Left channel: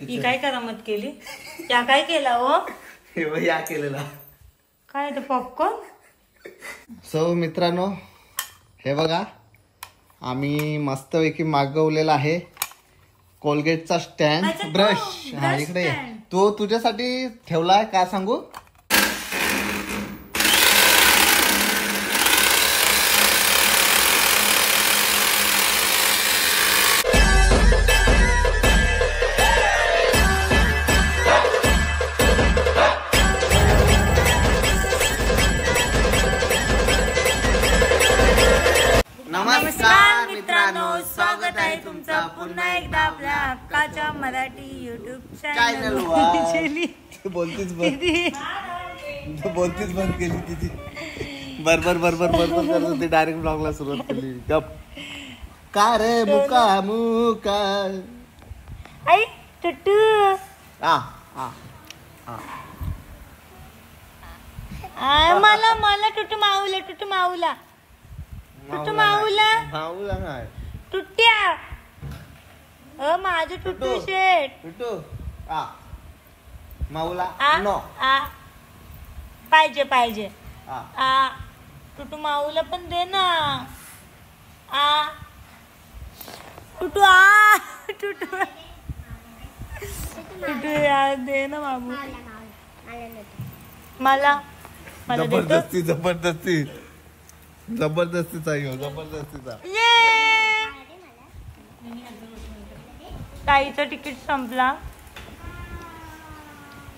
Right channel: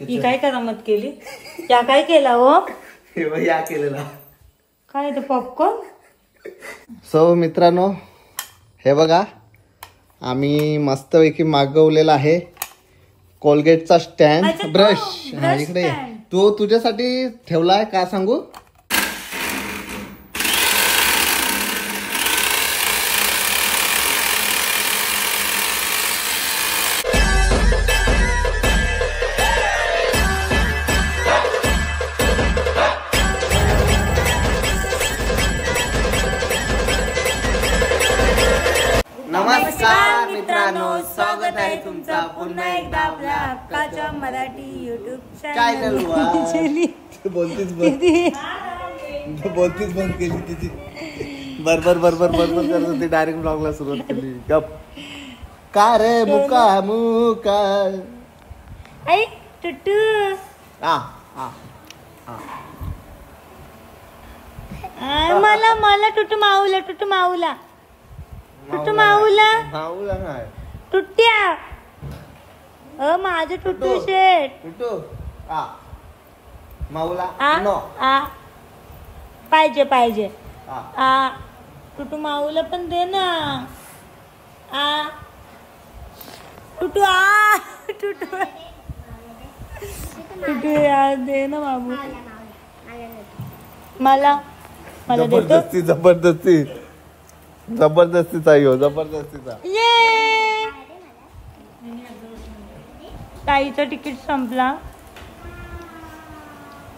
ही काय करामत केली? या काय केला हो? हे या केलेला काय ते पॉपकॉर्न? सो मित्रांनो हे बघा आम्ही मस्तपैकी मागवलेला आहे कोलगेटचा स्टँड ब्रश. इकडे तो तुझ्यासाठी ठेवलाय का सांगू? नमस्कार मित्रांनो, स्वागत आहे तुमचा पुन्हा एकदा आपल्या हक्काच्या मराठी युट्यूब चॅनल वर. बोलतीच बंद केली तिची. बरोबर करत होती. डायरेक्ट ब्लॉगला सुरुवात केली. गप का रे मुका आई टुटू मला टुटू माऊला नाही टुट्ट्या माझं टुटू शेट टुटू माऊला नो पाहिजे टुटू माऊला पण दे ना. टुटू दे ना बाबू. मला जबरदस्तीचा यो जबरदस्तीचा. ताईचा तिकीट संपला.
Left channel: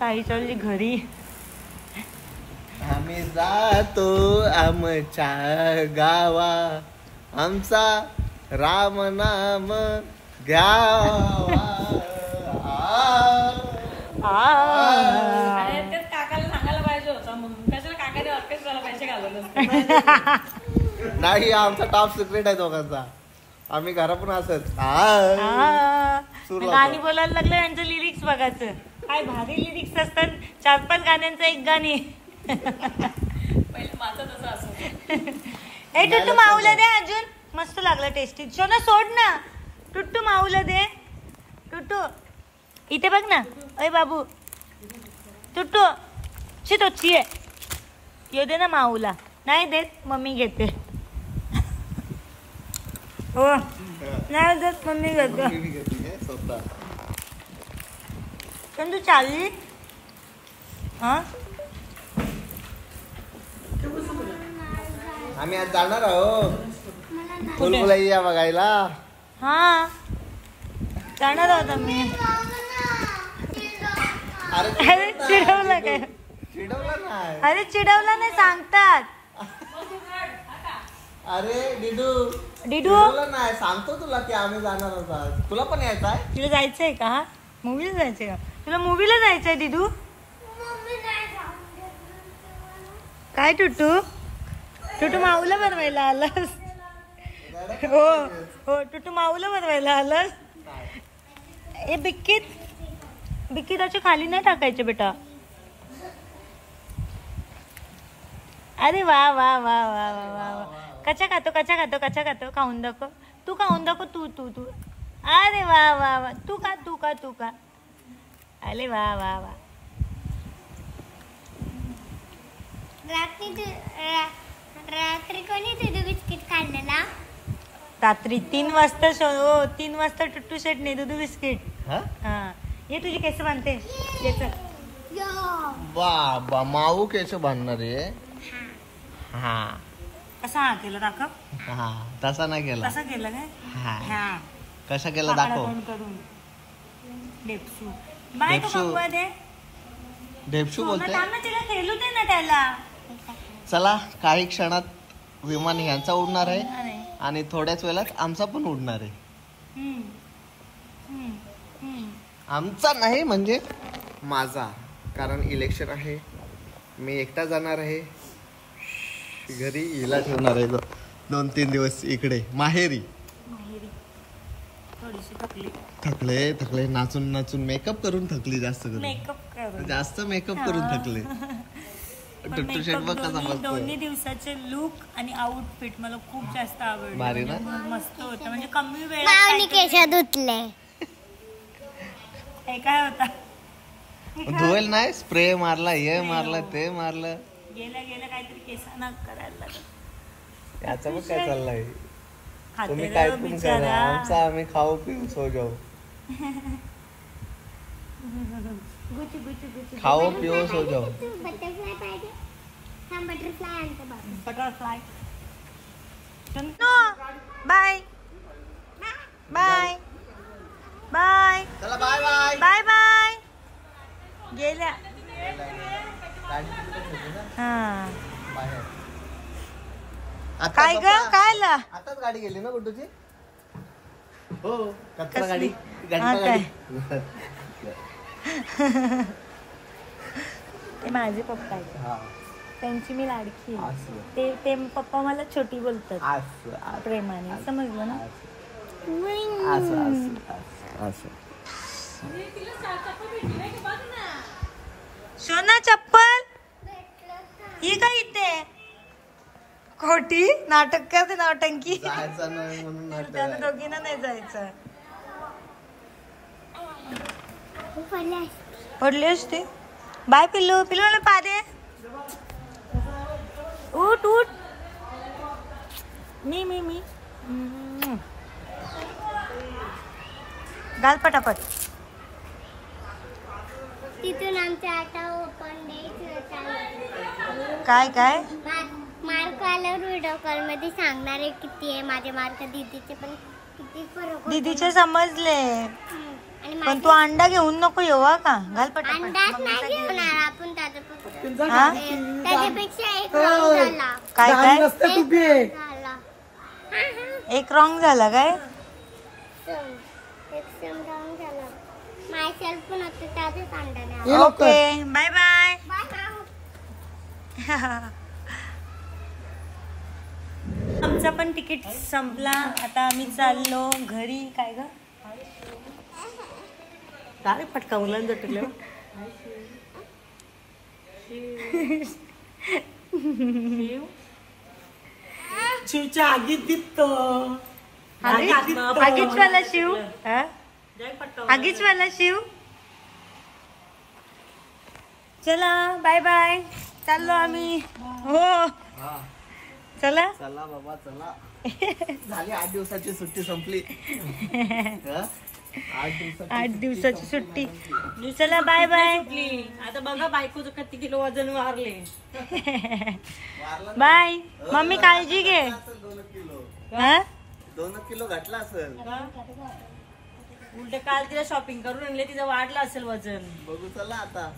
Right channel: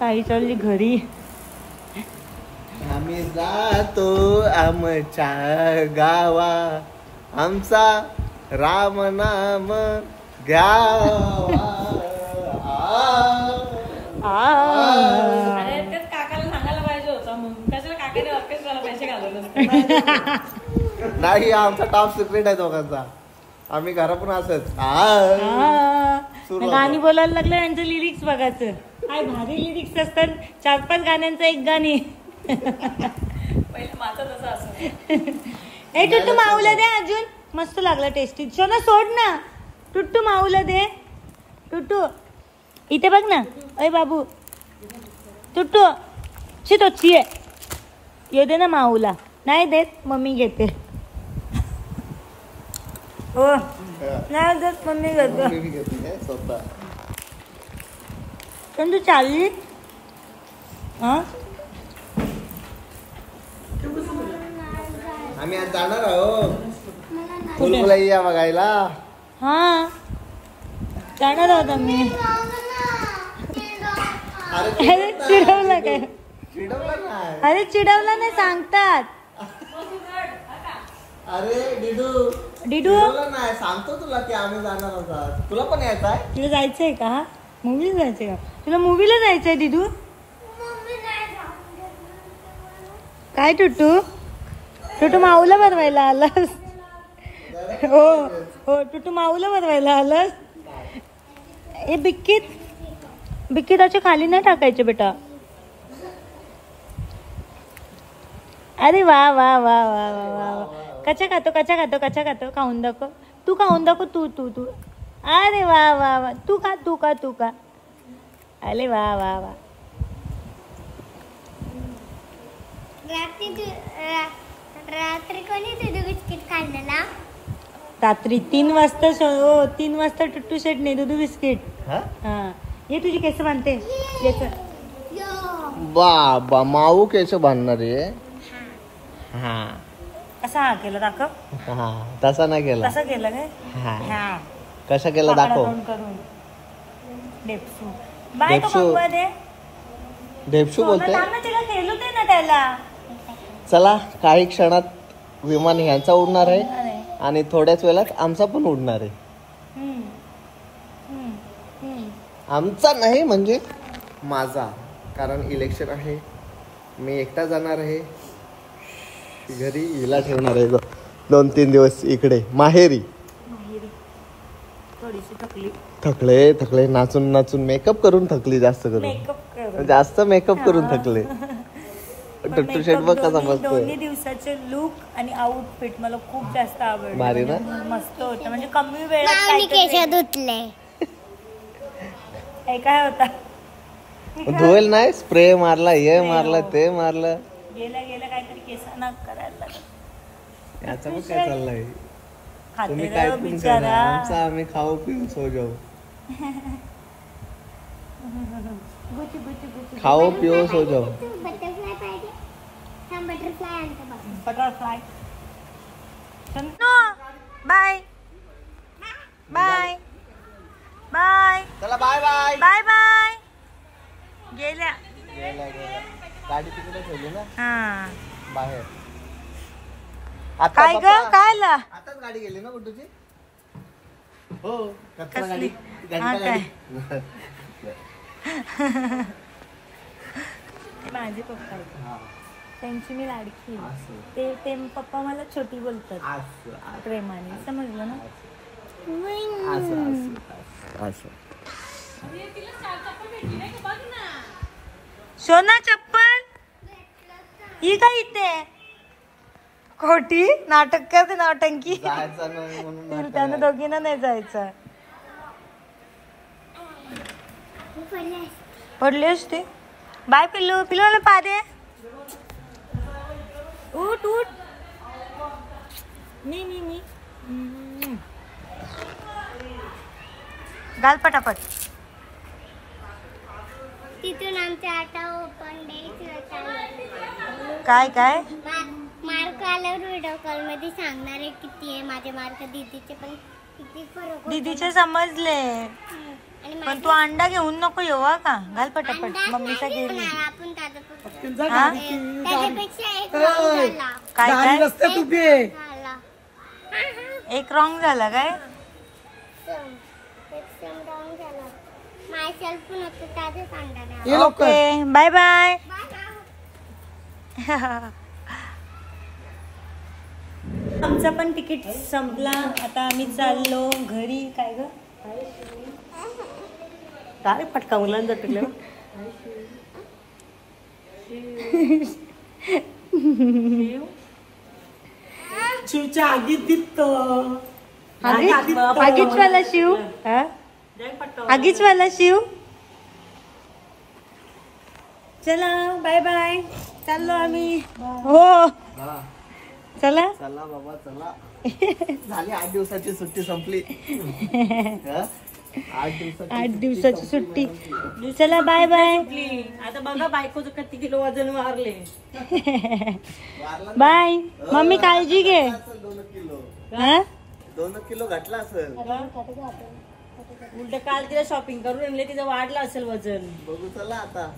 ताई चालली घरी. आम्ही जातो आमच्या गावा आमचा राम नाम घ्यावा. काकाला सांगायला पाहिजे होता म्हणून कशाला काकाने ऑर्केस्ट्राला पैसे घालवले. नाही आमचा टॉप सिक्रेट आहे दोघांचा. आम्ही घरातून असत गाणी बोलायला लागलं. यांचं लिरिक्स बघायचं काय भारी लिरिक्स असतात. 4-5 गाण्यांचं एक गाणी. पहिलं माझं तसं असं. हे टुट्टू माऊला दे अजून. मस्त लागला टेस्टी. सोना सोड ना. टुट्टू माऊला दे. टुट्टू इथे बघ ना. अय बाबू टुट्टू तोची आहे. ये दे ना माऊला. नाही देत मम्मी घेते. हो नाही देत मम्मी घेते स्वतः. पण तू चालली आम्ही आज जाणार आहोत फुलफुलैया बघायला. जाणार आहोत आम्ही. अरे चिडवला काय? अरे चिडवला नाही सांगतात. अरे डिडू नाही सांगतो तुला की आम्ही जाणार आहोत. तुला पण यायचं आहे? तुला जायचंय का? मूवीला जायचंय का? तुला मूवीला जायचंय डिडू? काय टुटू माऊला बनवायला आलास? हो टुटू माऊला बनवायला आलास. हे बिक्कीत असे खाली नाही टाकायचे बेटा. अरे वा वा वा वा वा वा. कच्चा खातो खाऊन दाखव. तू खाऊन दाखव. तू अरे वा वा वा. तू का अरे वा वा वा. रात्री कोणी दूध बिस्किट खाल्लेला? रात्री 3 वाजता टुट्टू शेटने दूध बिस्किट. ये तुझी केस बांधते. बाबा माऊ केस बांधणार आहे. कसा केलं दाखव. तसा नाही केला. कसा केलं काय? कसा केला दाखव. करून डेप्सू बाय तो बघवा दे. डेप्सू बोलते. तिला खेळू दे ना त्याला. चला काही क्षणात विमान ह्यांचा उडणार आहे आणि थोड्याच वेळात आमचा पण उडणार आहे. आमचा नाही म्हणजे माझा. कारण इलेक्शन आहे. मी एकटा जाणार आहे घरी. हिला ठेवणार आहे 2-3 दिवस इकडे माहेरी. थोडीशी थकले नाचून मेकअप करून थकली. जास्त मेकअप करून थकले. टुट्टू शेट बघ कसा मस्त. 2 दिवसाचे लुक आणि आउटफिट मला खूप जास्त आवडले. भारी ना. मस्त होतं. म्हणजे कमी वेळात केस धुतले. हे काय होता धुवेल नाही, स्प्रे मारला, हे मारलं, ते मारलं. गेल्या गेल्या काहीतरी केसांना करायला लागत. याचा पण काय चाललंय? तुम्ही खाते काय रे पण करा, बिचारा. आमचा आम्ही खाऊ पिऊ सो जाऊ. गुची गुची गुची खाओ पिओ सो जाओ. बटरफ्लाय पाहिजे. थांब बटरफ्लाय आणतो बाबा. बटरफ्लाय. बाय बाय बाय चला बाय बाय. Bye bye. गेल्या गाडी तिकडे ठेवली ना हा. बाहेर. काय ग काय ला आताच गाडी गेली ना गुड्डूची? हो, कचरा कसली? गाडी, हा घंटा काय? गाडी. ते माझे पप्पा आहेत. हा, त्यांची मी लाडकी आहे. असं. ते पप्पा मला छोटी बोलतात असं, असं, प्रेमाने, समजलं ना. असं, असं, असं. सोना चप्पल ही काय इथे खोटी नाटक करते नौटंकी. जायचं नाही म्हणून तिला त्यानं दोघींना नाही जायचं. पडली असते. बाय पिल्लू. पिल्लू मला पा दे. उठ उठ. मी मी मी घाल पटापट. तिथून आमच्या आता ओपन डे काय काय मार्क आल्यावर व्हिडिओ कॉल मध्ये सांगणार आहे किती आहे माझे मार्क. दीदीचे पण किती फरक होतो. दीदीचे समजले. आणि पण तू अंडा घेऊन नको येऊ हा का. घाल पटापट. अंदाज मम्मीचा नाही घेऊन ये. घेणार आपण त्याच्यापेक्षा. हा त्याच्यापेक्षा एक रॉंग झाला. काय काय एक झाला. एक रॉंग झाला काय. एक सम रॉंग झाला. मायसेल्फ पण होतं त्यातच अंडा नाही. Okay bye bye. आमचा पण तिकीट संपला. आता आम्ही चाललो घरी. काय ग काय फटका मुलांना जटलं. शिवच्या आगीत दिसतो. आगीचवाला शिव. आगीचवाला शिव. चला बाय बाय. चाललो आम्ही. हो हा, चला. चला बाबा चला. झाली 8 दिवसाची सुट्टी संपली. हा? 8 दिवसाची सुट्टी. चला बाय बाय. आता बघा बायकोचं किती किलो वजन वारले. बाय. मम्मी काळजी घे. 2 किलो हा 2 किलो घातला असेल. उलट काल तिला शॉपिंग करून आणले, तिचं वाढलं असेल वजन. बघू चला आता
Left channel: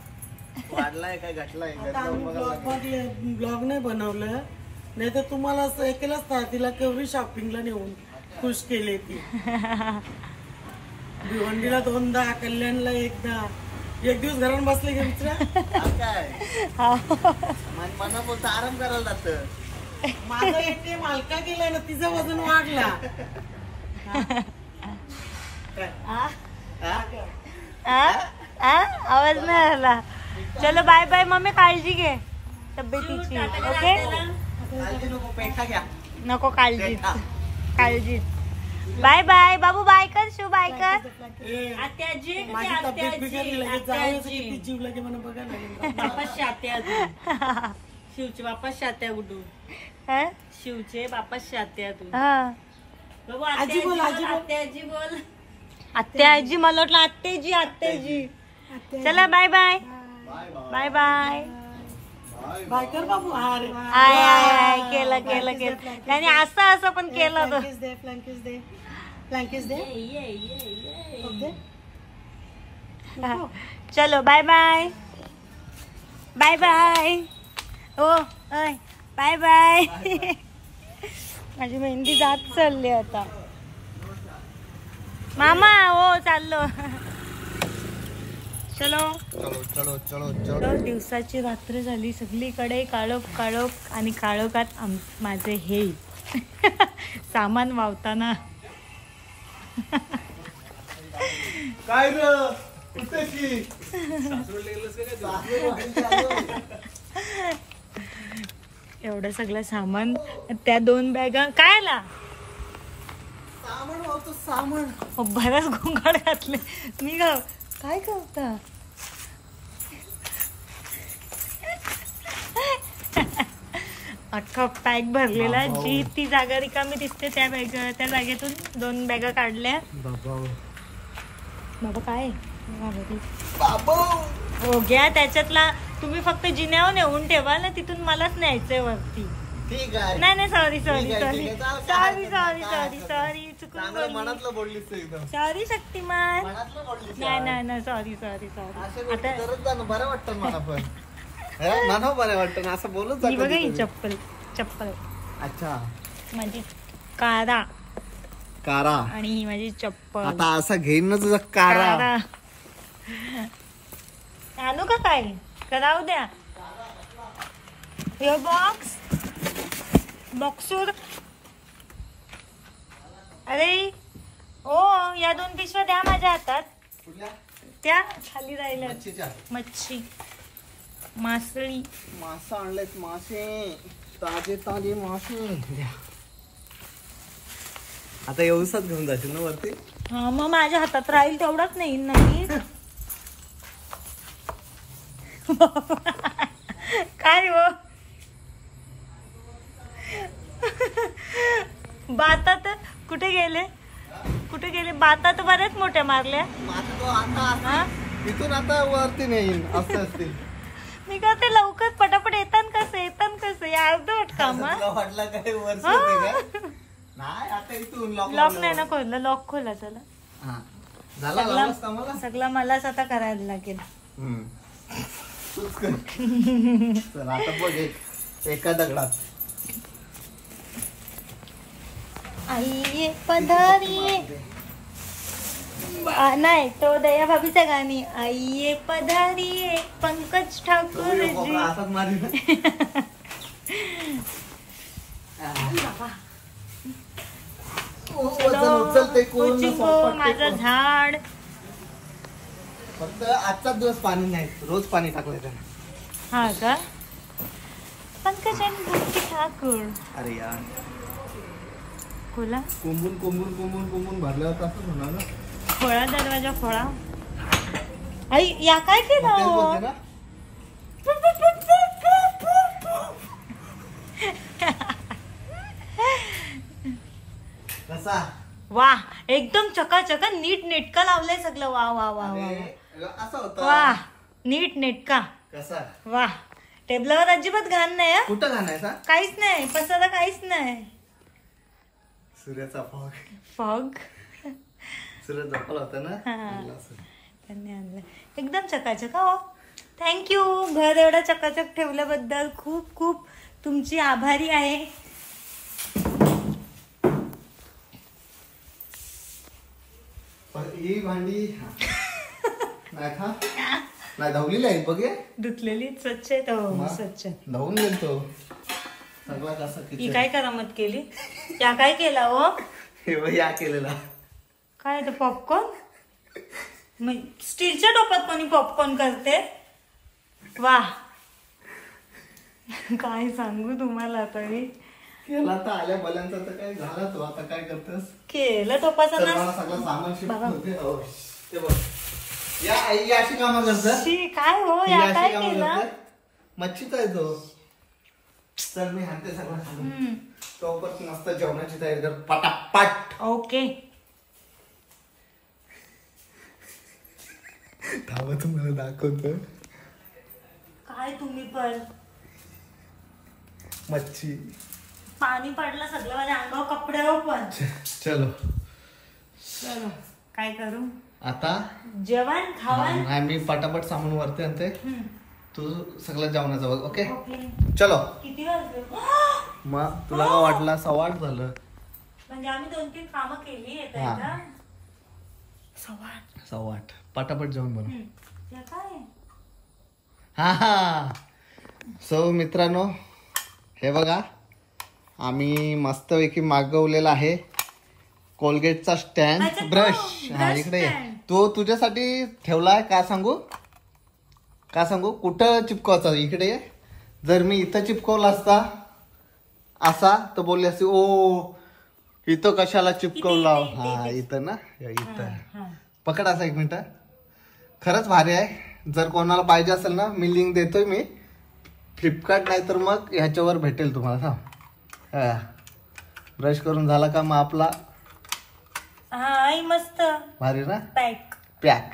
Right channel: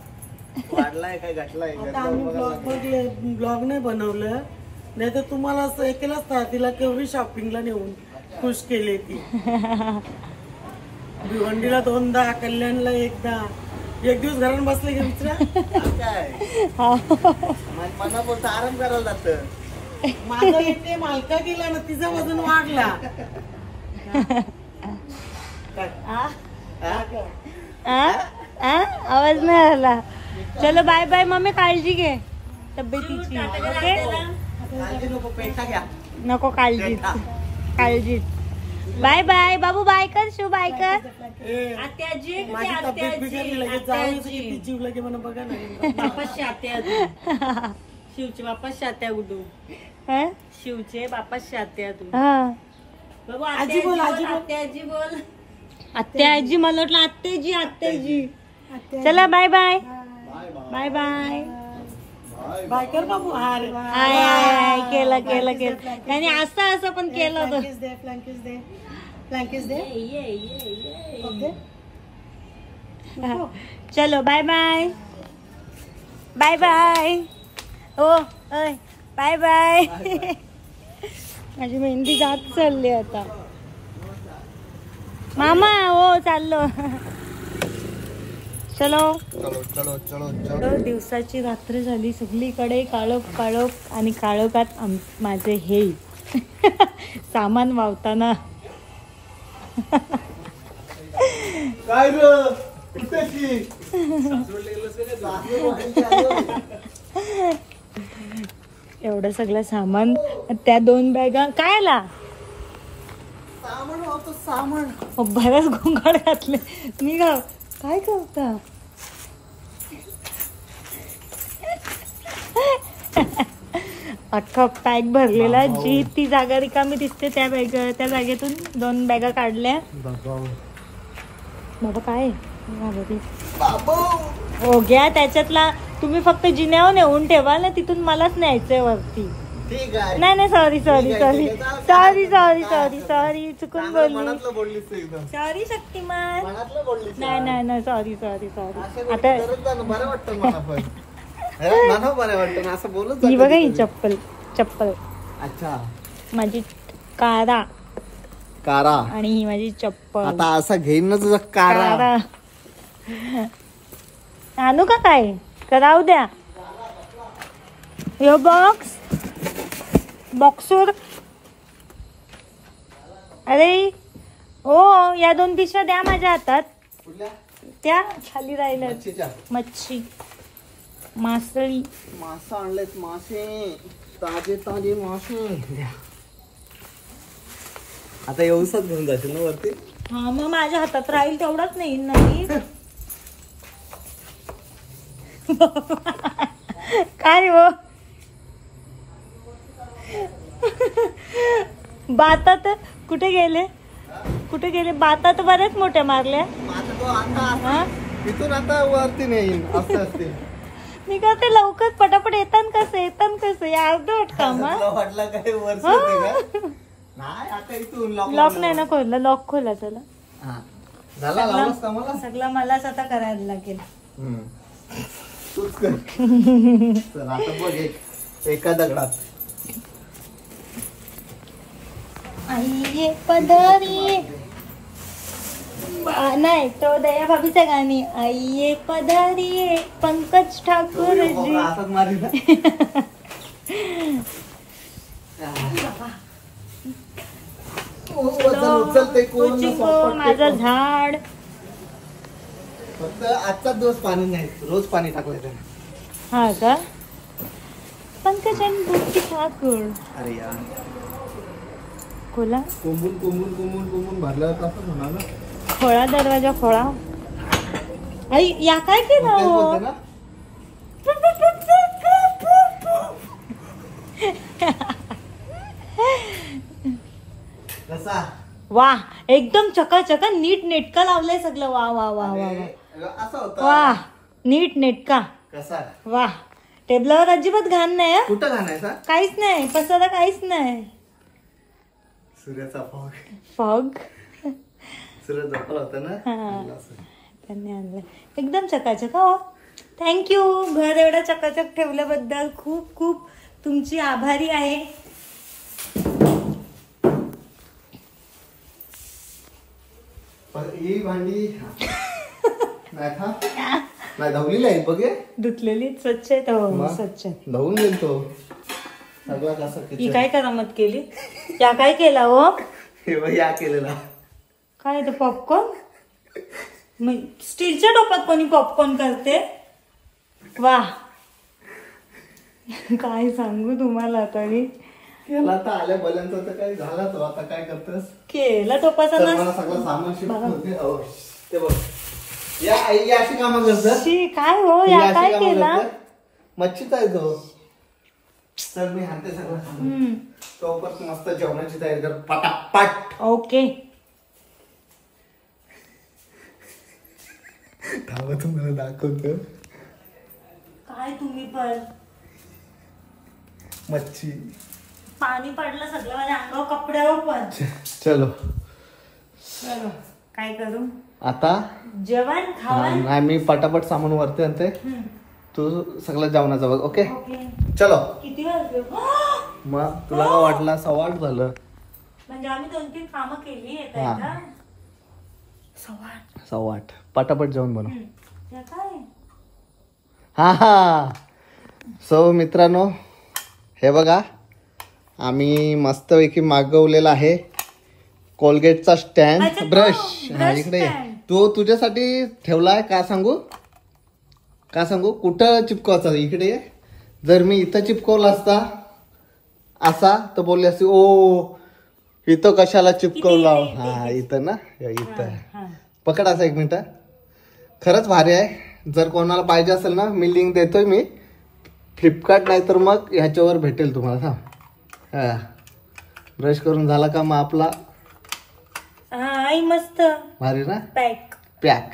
वाढलाय काय घातलाय. घरी जाऊन बघायला लागेल. ब्लॉग नाही बनवलं, नाही तर तुम्हाला असं हे केलं असतं. तिला केवढी शॉपिंगला नेऊन खुश केले ती. भिवंडीला 2दा, कल्याणला 1दा. एक दिवस घरात बसले की दुसऱ्या आज काय मनापोत आराम करायला जात. माझं एक ते मालका गेला ना, तिचं वजन वाढला. आवाज नाही आला. चलो बाय बाय. मम्मी काळजी घे तब्येतीची. ओके काळजी नको, पैसा घ्या. नको काळजी काळजी. Bye bye. बाबू बाय कर. शिव बाय कर. आत्याजी माझी तब्येत बिघडली, लगेच जाऊन किती जीव लगे म्हणून बघा ना. बापाशी आत्या शिवचे बापाशी आत्या गुडू. हा? शिवचे बापाशी आत्या तू. हा. बाबू आजी बोल, आजी बोल, आजी बोल. आत्या आजी. मला वाटलं आत्याजी आत्याजी. चला bye bye. Bye bye. Bye कर बाबू. हार आय आय आय केलं केलं केलं. त्याने असं असं पण केलं होतं. फ्लँकेज दे, फ्लँकेज दे. चलो बाय बाय. Bye bye. हो ओय बाय बाय. माझी मेहंदी जात चालली आता. मामा हो चाललो. चलो. चलो चलो चलो चलो. दिवसाची रात्र झाली. सगळीकडे काळोख काळोख आणि काळोखात माझे हे सामान वावताना. काय रे एवढं सगळं सामान. त्या 2 बॅगा काय आला. सामान वाहतो सामान. बरंच गोंगाट घातले. निघा काय करता? अख्खा पॅक भरलेला. जी ती जागा रिकामी दिसते त्या जागेतून 2 बॅगा काढल्या. बाबा काय हो घ्या त्याच्यातला. तुम्ही फक्त जिन्यावर नेऊन ठेवा ना, तिथून मलाच न्यायचंय वरती. ठीक आहे. नाही सॉरी ठीक आहे. चुकून मनातलं बोललीस तू एकदम. सॉरी शक्तिमान. मनातलं बोललीस. नाही सॉरी आता बरं वाटतं मला पण. मला बरं वाटतं ना असं बोलत ही बघा ही चप्पल. अच्छा माझी कारा आणि ही माझी चप्पल. आता असं घेईन ना तुझा कारा. आणू का काय करावं द्या. यो बॉक्सवर. अरे हो या 2 पिशव्या द्या माझ्या हातात. त्या खाली राहिल्या. मच्छी मासळी. मासे आणलेत. मासे ताजे मासे. आता येऊसच घेऊन जाशील ना वरती. हा मग माझ्या हातात राहील तेवढाच नाही. काय हो बातात कुठे गेले बातात बऱ्याच मोठ्या मारल्या. तिथून आता वरती नाही असते. मी करते लवकर पटापट येतान कसं अर्धवट काम. वाटला काय वर्ष होते का? नाही आता इथून लॉक नाही ना खोलला. लॉक खोला चला. सगळं मलाच आता करायला लागेल. तूच कर. चल आता बघ एका दगडात. आई पधारी. नाही तो दया भाभीचं गाणी. आई पधारी पंकज ठाकूर जी. माझं झाड. फक्त आजचा दिवस पाणी नाही, रोज पाणी टाकलंय त्याने. हा का पंकज आणि ठाकूर. अरे यार खोला. कुंबून भरलं होतं असं म्हणा ना. खोळा दरवाजा खोळा. आई या काय केलं हो? कसा वा एकदम चकाचका नीट नेटका लावलंय सगळं. वा वा वा वा असं होतं. वा नीट नेटका. कसा वा टेबलावर अजिबात घाण नाही. कुठं घाणायचा? काहीच नाही पसारा काहीच नाही. सूर्याचा फॉग सूर्य झोपला होता ना त्यांनी आणलं एकदम चकाचक. हो थँक्यू. घर एवढं चकाचक ठेवल्याबद्दल खूप खूप तुमची आभारी आहे. ही भांडी नाही धवलेली आहे बघे. धुतलेली स्वच्छ आहे. हो स्वच्छ धवून गेलतो सगळं. कसं ही काय करामत केली? या काय केला हो? हे या केलेला काय ते पॉपकॉर्न. स्टीलच्या टोपात कोणी पॉपकॉर्न करते. वा काय सांगू तुम्हाला. तरी केला तर आल्या बल्यांचा तर काय झाला तो. आता काय करतेस? केला टोपाचा ना सगळं सामान शिफ्ट होते. ते बघ या आई अशी कामं करतात. काय हो या काय केला? मच्छीचा आहे तो. तर मी हाणते सगळं. तो पण मस्त जेवणाची तयारी कर पटापट. ओके तुम्हाला दाखवतो. काय तुम्ही पण मच्छी पाणी पडलं सगळं माझ्या अंगावर कपड्यावर पण. चलो काय करू आता? जेवण खावण. नाही मी पटापट सामान वरते आणते. तू सगळं जेवणाचं बघ. ओके चलो. किती वाजले मग तुला काय वाटलं? 8:15 झालं. म्हणजे आम्ही 2-3 कामं केली. 8:15 पटापट जेवण बनव. काय हा सो मित्रांनो हे बघा आम्ही मस्तपैकी मागवलेला आहे कोलगेटचा स्टँड. ब्रश इकडे तो तुझ्यासाठी ठेवलाय. का सांगू कुठं चिपकवायचा? इकडे जर मी इथं चिपकवला असता असा तर बोलली असती ओ इथं कशाला चिपकवला. हा इथं ना इथं पकड असा 1 मिनिट. खरंच भारी आहे. जर कोणाला पाहिजे असेल ना मी लिंक देतोय मी फ्लिपकार्ट नाही तर मग ह्याच्यावर भेटेल तुम्हाला. हा ब्रश करून झाला का मग आपला हा मस्त भारी ना पॅक पॅक.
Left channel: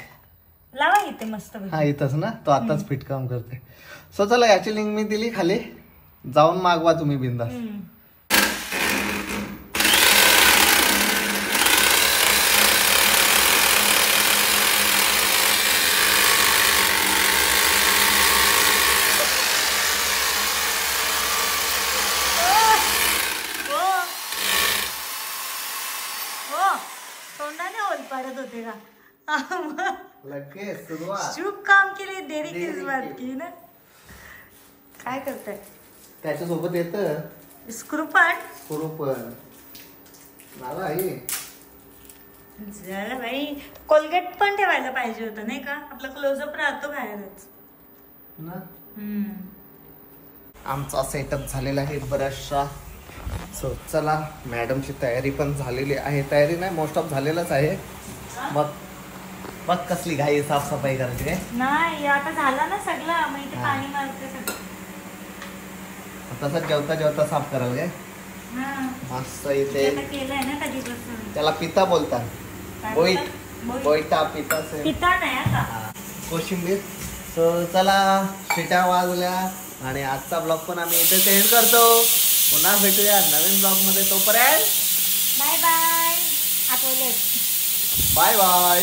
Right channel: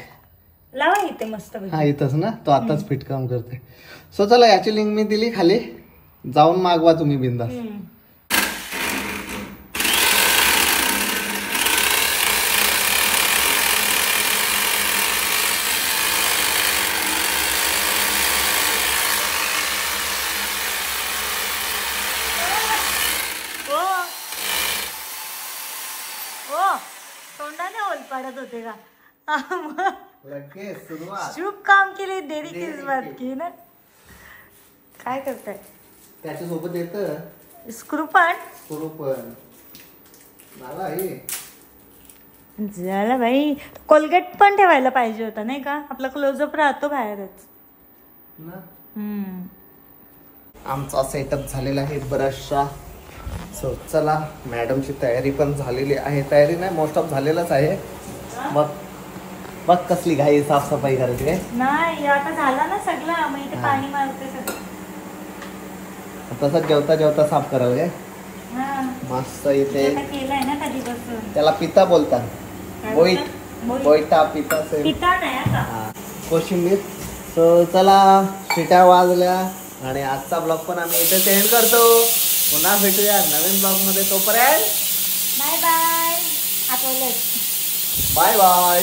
लावा इथे मस्त. हा इथंच ना तो आताच फिट काम करते. सो चला याची लिंक मी दिली खाली जाऊन मागवा तुम्ही बिंदास. तोंडाने होल पाडत होते का? लगेच सुरुवात. शुभ काम के लिए देरी किस बात की ना. काय करताय? त्याच्यासोबत येत स्क्रू पण मला हे झालं बाई. कोलगेट पण ठेवायला पाहिजे होता नाही का? आपला क्लोजअप राहतो बाहेरच ना. हम्म. आमचा सेटअप झालेला आहे ब्रशचा. सो चला मॅडमची तयारी पण झालेली आहे. तयारी नाही मोस्ट ऑफ झालेलाच आहे. मग बघ कसली घाई साफसफाई करायची काय. नाही आता झाला ना सगळं. मग इथे पाणी मारते सगळं. तसंच जेवता जेवता साफ करायला काय. हा. मस्त इथे आता केलंय ना कधीपासून. त्याला पिता बोलतात. काय बोईट बोलतात? बोईटा पिता पिता नाही आता. कोशिंबीर. सो चला शिट्या वाजल्या आणि आजचा ब्लॉग पण आम्ही इथे एंड करतो. पुन्हा भेटूया नवीन ब्लॉग मध्ये. तोपर्यंत बाय बाय. आता बाय बाय.